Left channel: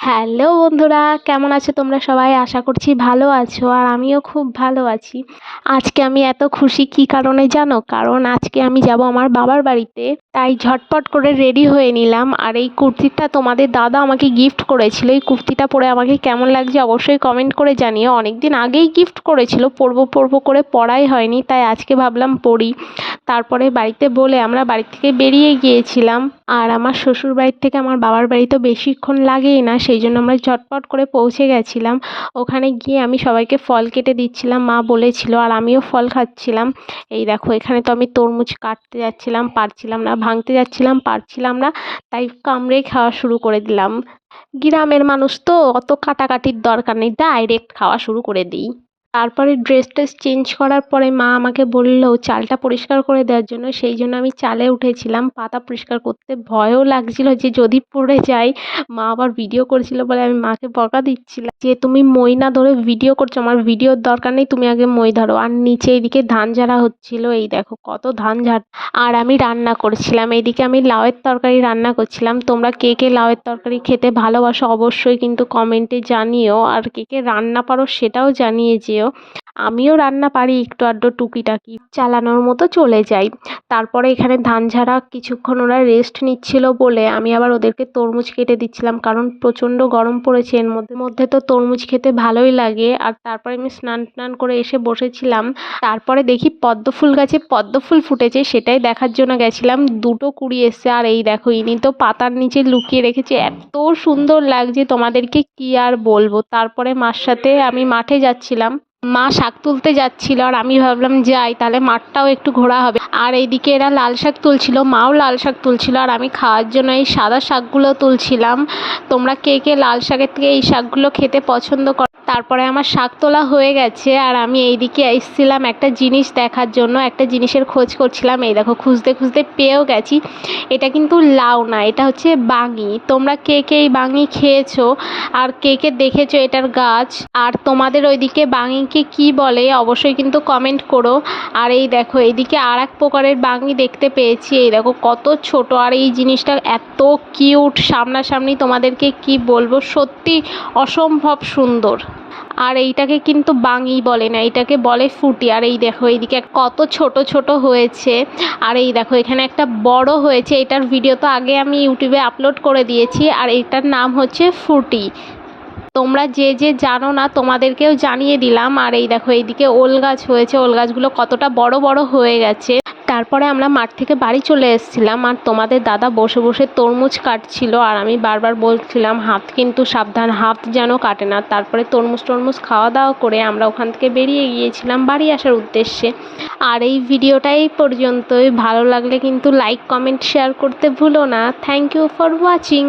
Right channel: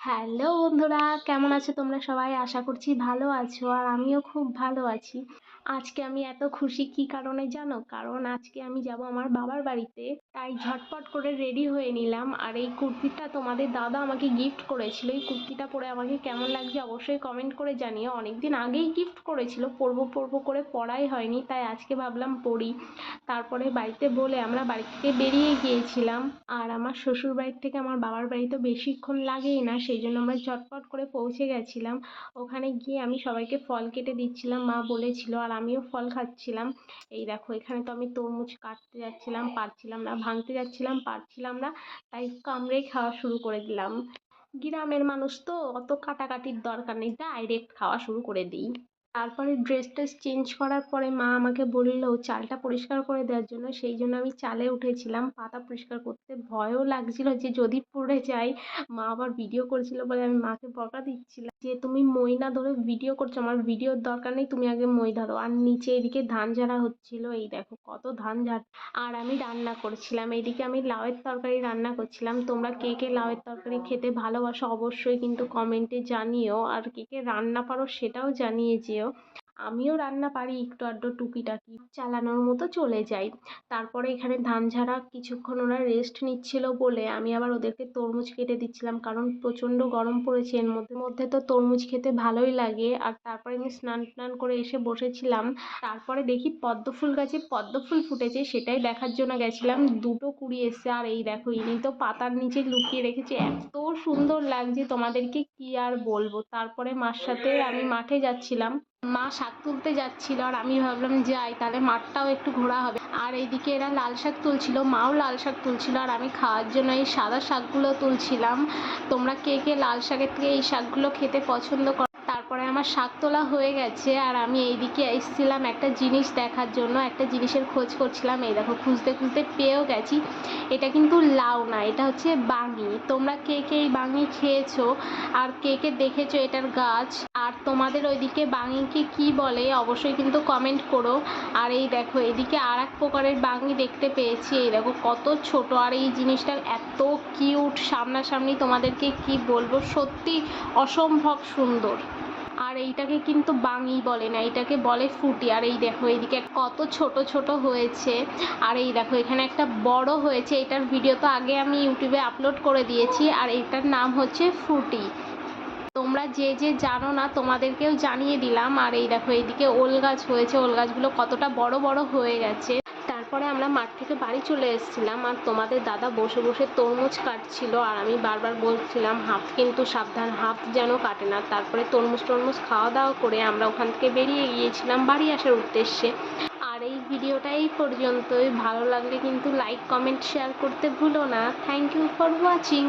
Hello বন্ধুরা, কেমন আছো তোমরা সবাই? আশা করছি ভালো আছো আর আমিও খুব ভালো আছি। আজকে আমি এত খুশি কী কারণে জানো? কারণ আজকে আমি যাব আমার বাবার বাড়িতে, তাই ঝটপট করে রেডি হয়ে নিলাম। আর এই কুর্তিটা তোমাদের দাদা আমাকে গিফট করেছিল। এই কুর্তিটা পরে আমাকে কেমন লাগছে অবশ্যই কমেন্ট করে জানিও। অনেক দিন আগেই গিফট করেছিল, পরবো পরবো করে পরাই হয়নি, তাই আজকে ভাবলাম পরি। তারপরে বাড়িতে বলে আমরা বাড়ি থেকে বেরিয়ে গিয়েছিলাম। আর আমার শ্বশুর বাড়ির থেকে আমার বাবার বাড়ি তো বেশিক্ষণ লাগেই না সেই জন্য আমরা ঝটপট করে পৌঁছে গেছিলাম। ওখানে গিয়ে আমি সবাইকে ফল কেটে দিচ্ছিলাম, মা বলেছিল, আর আমিও ফল খাচ্ছিলাম। এই দেখো, এখানে তো আমি তরমুজ কাটতে যাচ্ছিলাম, পারছিলাম না, ভাঙতে যাচ্ছিলাম, পারছিলাম না, তাই কামড়েই খাওয়া শুরু করে দিলাম। গ্রামের মানুষ তো অত কাটাকাটির দরকার নেই, ডাইরেক্ট খাওয়া শুরু করে দিই। তারপরে ড্রেস ট্রেস চেঞ্জ করার পরে মা আমাকে বলল, চালটা পরিষ্কার করে দেওয়ার জন্য। সেই জন্য আমি চালে উঠেছিলাম। পাতা পরিষ্কার করতে ভয়ও লাগছিল যে যদি পড়ে যাই, মা আবার ভিডিও করছিল বলে আমি মাকে বকা দিচ্ছিলাম যে, তুমি মই না ধরে ভিডিও করছ, আমার ভিডিওর দরকার নেই, তুমি আগে মই ধরো। আর নিচে এইদিকে ধান ঝাড়া হচ্ছিল, এই দেখো কত ধান ঝাড়। আর আমি রান্না করছিলাম, এইদিকে আমি লাউয়ের তরকারি রান্না করছিলাম। তোমরা কে কে লাউয়ের তরকারি খেতে ভালোবাসো অবশ্যই কিন্তু কমেন্টে জানিও। আর কে কে রান্না পারো সেটাও জানিয়ে যেও। আমিও রান্না পারি একটু আধটু টুকিটাকি চালানোর মতো চলে যাই। তারপরে এখানে ধান ঝাড়া কিছুক্ষণ ওরা রেস্ট নিচ্ছিল বলে আমি আবার ওদেরকে তরমুজ কেটে দিচ্ছিলাম কারণ প্রচণ্ড গরম পড়েছে এর মধ্যে। মধ্যে তো তরমুজ খেতে ভালোই লাগে আর তারপরে আমি স্নান টান করে এসে বসেছিলাম। তারপরে দেখি পদ্ম ফুল গাছে পদ্ম ফুল ফুটেছে সেটাই দেখার জন্য গেছিলাম। দুটো কুড়ি এসছে আর এই দেখো ইনি তো পাতার নিচে লুকিয়ে রেখেছে। এত সুন্দর লাগছে তোমাদেরকে কি আর বলব? তারপরে মার সাথে আমি মাঠে যাচ্ছিলাম। মা শাক তুলতে যাচ্ছিল আর আমি ভাবলাম, যাই, তাহলে মাঠটাও একটু ঘোরা হবে। আর এইদিকে এরা লাল শাক তুলছিল, মাও লাল শাক তুলছিল আর আমি খাওয়ার জন্য এই সাদা শাকগুলো তুলছিলাম। তোমরা কে কে লাল শাকের থেকে এই শাকগুলো খেতে পছন্দ করো তারপরে আমার শাক তোলা হয়ে গেছে আর আমি এইদিকে এসেছিলাম একটা জিনিস দেখার জন্য, একটা জিনিসের খোঁজ করছিলাম। এই দেখো, খুঁজতে খুঁজতে পেয়েও গেছি। এটা কিন্তু লাউ না, এটা হচ্ছে বাঙি। তোমরা কে কে এই বাঙি খেয়েছো আর কে কে দেখেছ এটার গাছ? আর তোমাদের ওইদিকে বাঙিকে কি বলে অবশ্যই কিন্তু কমেন্ট করো। আর এই দেখো, এইদিকে আর এক প্রকারের বাঙি দেখতে পেয়েছি। এই দেখো, কত ছোট। আর এই জিনিসটা এত কিউট সামনাসামনি তোমাদেরকে কি বলব? সত্যি অসম্ভব সুন্দর। আর এইটাকে কিন্তু বাঙি বলে না এটাকে বলে ফুটি। আর এই দেখো, এইদিকে কত ছোট ছোট হয়েছে। আর এই দেখো, এখানে একটা বড় হয়েছে, এটার ভিডিও তো আগে আমি ইউটিউবে আপলোড করে দিয়েছি। আর এটার নাম হচ্ছে ফুটি। তোমরা যে যে জানো না, তোমাদেরকেও জানিয়ে দিলাম। আর এই দেখো, এইদিকে ওল গাছ হয়েছে, ওল গাছগুলো কতটা বড় বড় হয়ে গেছে। তারপরে আমরা মাঠ থেকে বাড়ি চলে এসেছিলাম আর তোমাদের দাদা বসে বসে তরমুজ কাটছিল আর আমি বারবার বলছিলাম হাত কিন্তু সাবধান হাত যেন কাটে না। তারপরে তরমুজ টরমুজ খাওয়া দাওয়া করে আমরা ওখান থেকে বেরিয়ে গিয়েছিলাম বাড়ি আসার উদ্দেশ্যে। আর এই ভিডিওটাই পর্যন্তই। ভালো লাগলে কিন্তু লাইক কমেন্ট শেয়ার করতে ভুলো না। Thank you for watching